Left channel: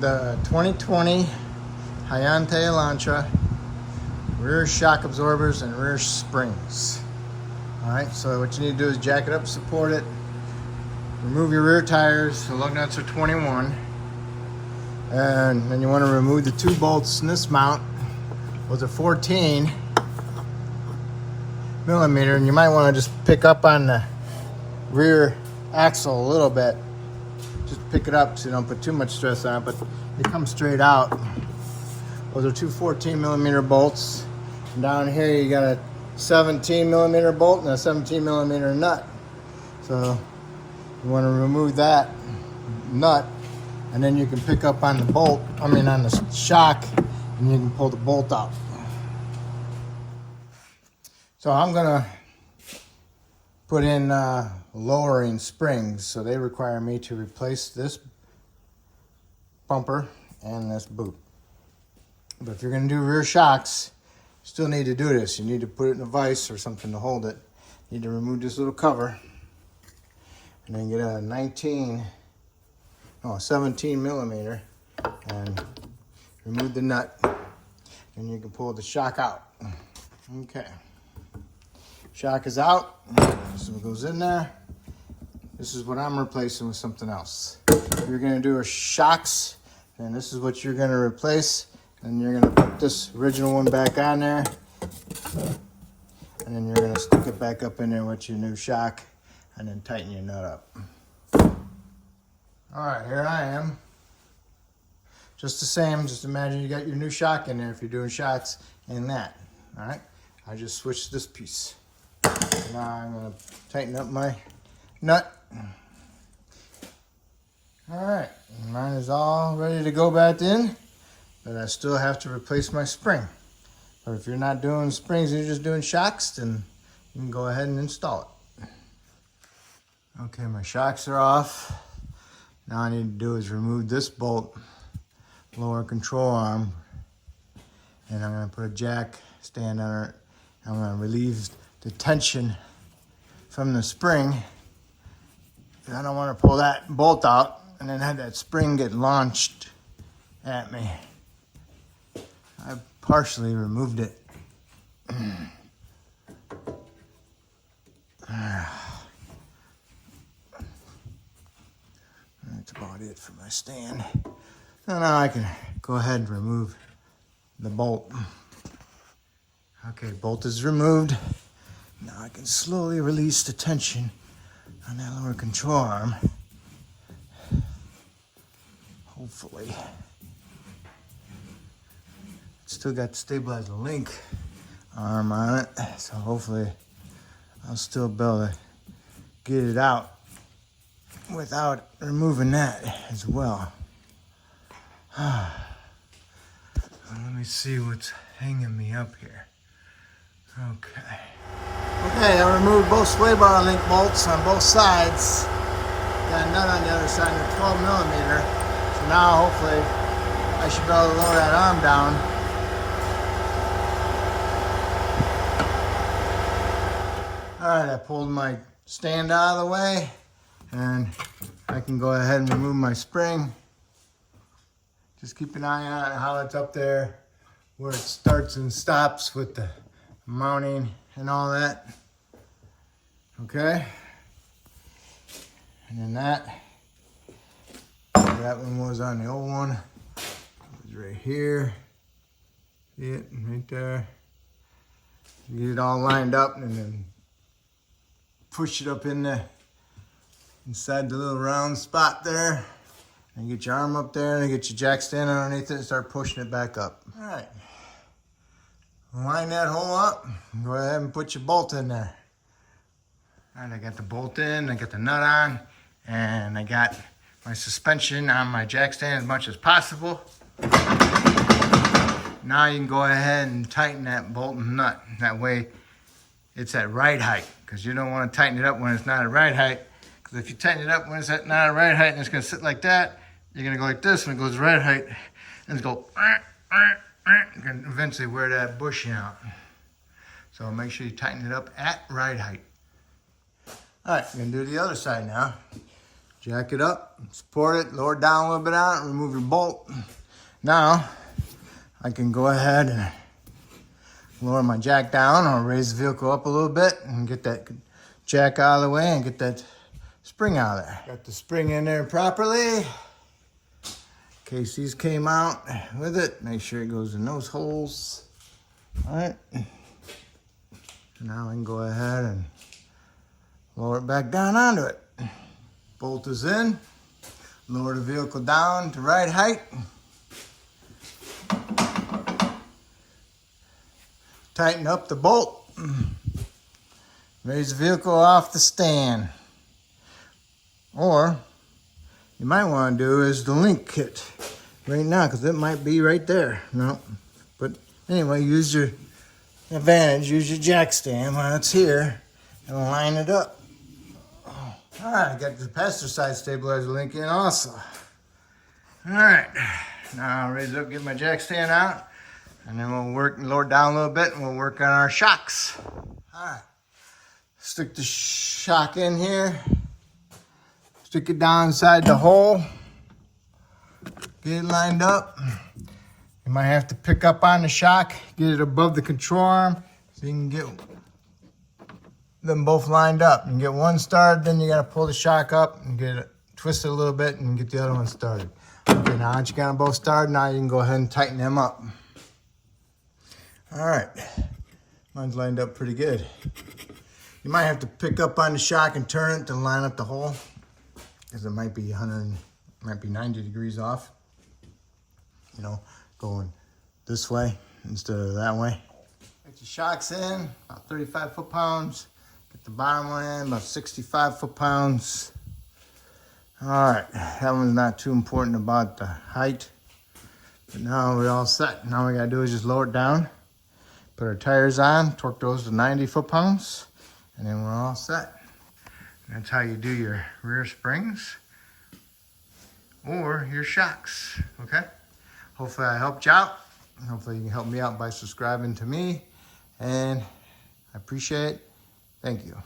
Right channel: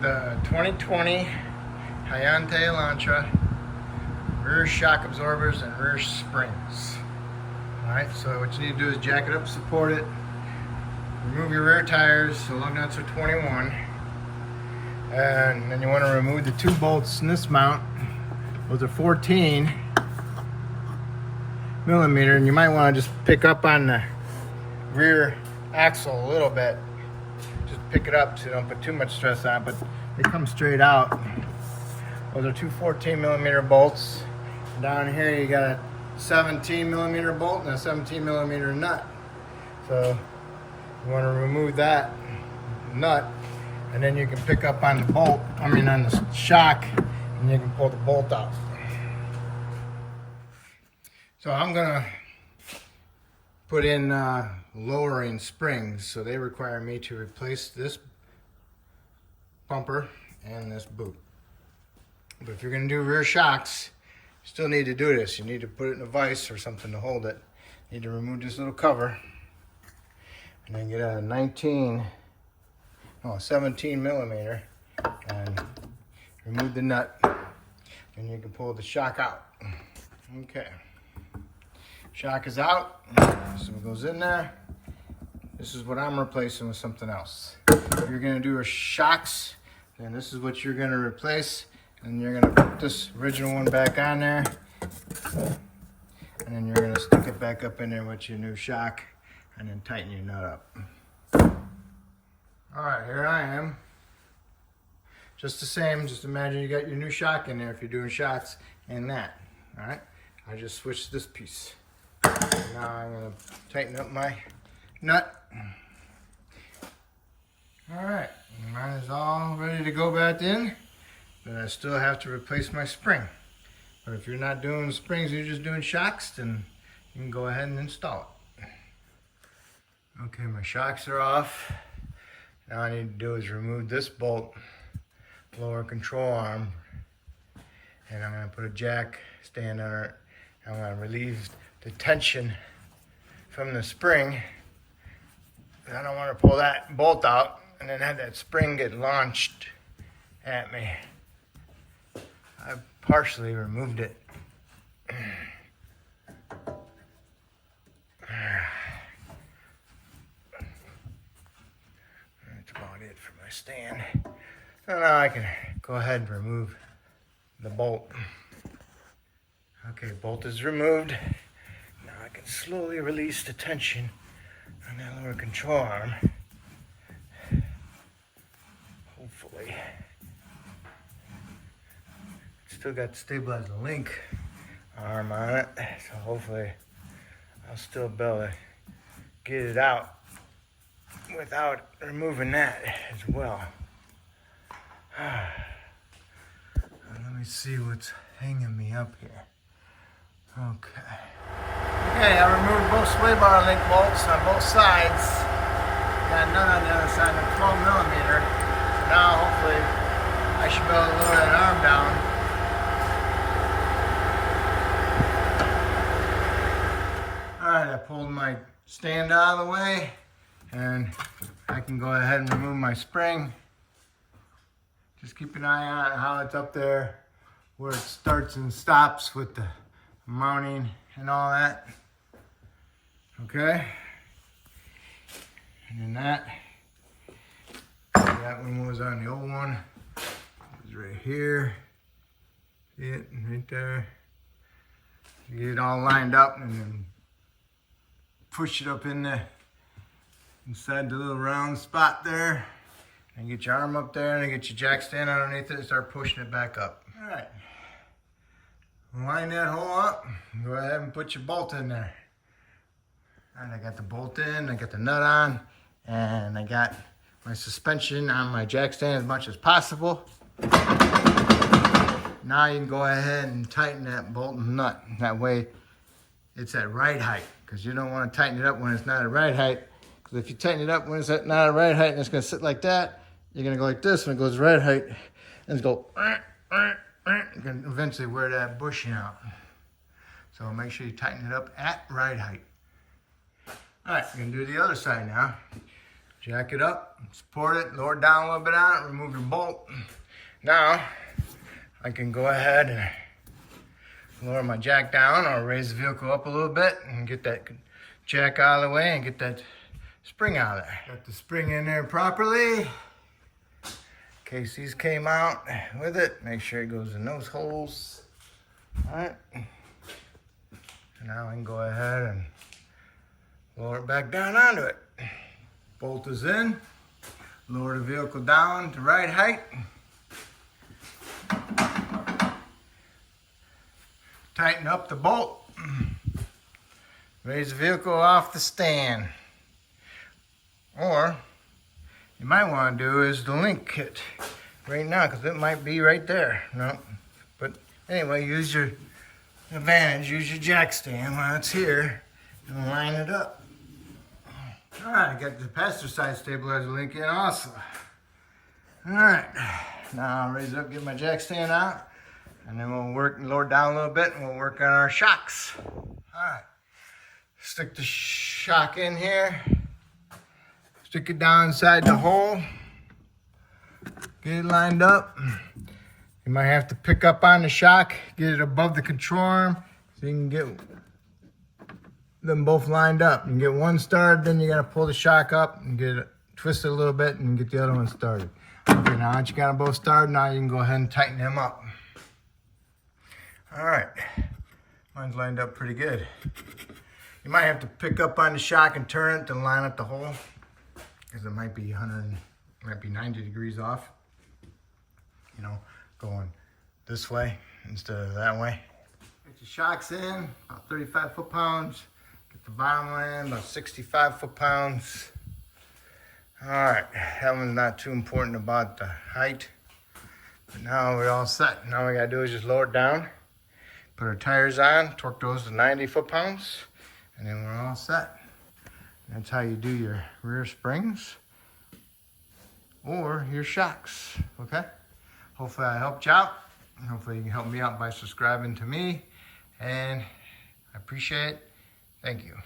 the 2020 Hyundai Elantra rear shock absorbers and rear springs. Alright, so what you need to do is jack it up, support it, remove your rear tires, the lug nuts are 21, and then you want to remove the two bolts in this mount. Those are 14 millimeter, and you might want to just pick up on the rear axle a little bit. Just pick it up so you don't put too much stress on it, but they come straight out. Those are two 14 millimeter bolts. And down here you got a 17 millimeter bolt and a 17 millimeter nut. So you want to remove that nut, and then you can pick up on the bolt, on the shock, and you can pull the bolt out. So I'm gonna put in lowering springs, so they require me to replace this bumper and this boot. But if you're gonna do rear shocks, you still need to do this. You need to put it in a vise or something to hold it. You need to remove this little cover, and then get a 17 millimeter, and remove the nut, and you can pull the shock out. Okay. Shock is out, so it goes in there. This is what I'm replacing with something else. If you're gonna do a shocks, then this is what you're gonna replace, and you're gonna put this original one back on there, and then you're gonna stick it back up in there with your new shock, and then tighten your nut up. All right, here I am. Just the same, just imagine you got your new shock in there if you're doing shocks in that. All right, I just switched this piece. Now I'm going to tighten up my nut. All right, mine is all ready to go back in, but I still have to replace my spring. But if you're not doing springs, you're just doing shocks, then you can go ahead and install it. Okay, my shocks are off. Now I need to do is remove this bolt, lower control arm, and I'm going to put a jack stand on it. I'm going to relieve the tension from the spring. I don't want to pull that bolt out and then have that spring get launched at me. I partially removed it. That's about it for my stand. So now I can go ahead and remove the bolt. Okay, bolt is removed. Now I can slowly release the tension on that lower control arm. Hopefully. It's still got the stabilizer link arm on it, so hopefully I'll still be able to get it out without removing that as well. Let me see what's hanging me up here. Okay. Okay, I removed both sway bar link bolts on both sides. Got a nut on the other side, a 12 millimeter. So now hopefully I should be able to lower that arm down. Alright, I pulled my stand out of the way, and I can go ahead and remove my spring. Just keep an eye on how it's up there, where it starts and stops with the mounting and all that. Okay. And then that one was on the old one. It was right here. See it? Right there. You get it all lined up and then push it up in the inside the little round spot there. And get your arm up there and get your jack stand underneath it and start pushing it back up. All right. Line that hole up, go ahead and put your bolt in there. All right, I got the bolt in, I got the nut on, and I got my suspension on my jack stand as much as possible. Now you can go ahead and tighten that bolt and nut. That way it's at right height, because you don't want to tighten it up when it's not at right height. Because if you tighten it up when it's at not at right height and it's going to sit like that, you're going to go like this when it goes right height, and it's go. You can eventually wear that bushing out. So make sure you tighten it up at right height. All right, we're gonna do the other side now. Jack it up, support it, lower it down a little bit on it, remove your bolt. Now, I can go ahead and lower my jack down or raise the vehicle up a little bit and get that jack out of the way and get that spring out of there. Got the spring in there properly. In case these came out with it, make sure it goes in those holes. All right. Now we can go ahead and lower it back down onto it. Bolt is in. Lower the vehicle down to right height. Tighten up the bolt. Raise the vehicle off the stand. Or you might want to do is the link kit right now, because it might be right there. No, but anyway, use your advantage, use your jack stand while it's here and line it up. All right, I got the passenger side stabilizer link in also. All right, now I'll raise it up, get my jack stand out, and then we'll work and lower it down a little bit, and we'll work on our shocks. All right, stick the shock in here, stick it down inside the hole, get it lined up. You might have to pick up on the shock, get it above the control arm, so you can get them both lined up. You can get one started, then you gotta pull the shock up and get it twisted a little bit and get the other one started. Okay, now that you got them both started, now you can go ahead and tighten them up. All right, mine's lined up pretty good. You might have to pick up on the shock and turn it to line up the hole, because it might be 90 degrees off. You know, going this way instead of that way. Get the shocks in, about 35 foot-pounds. Get the bottom one in, about 65 foot-pounds. All right, that one's not too important about the height. But now we're all set. Now all we gotta do is just lower it down, put our tires on, torque those to 90 foot-pounds, and then we're all set. That's how you do your rear springs or your shocks, okay? Hopefully I helped you out. Hopefully you can help me out by subscribing to me, and I appreciate it. Thank you.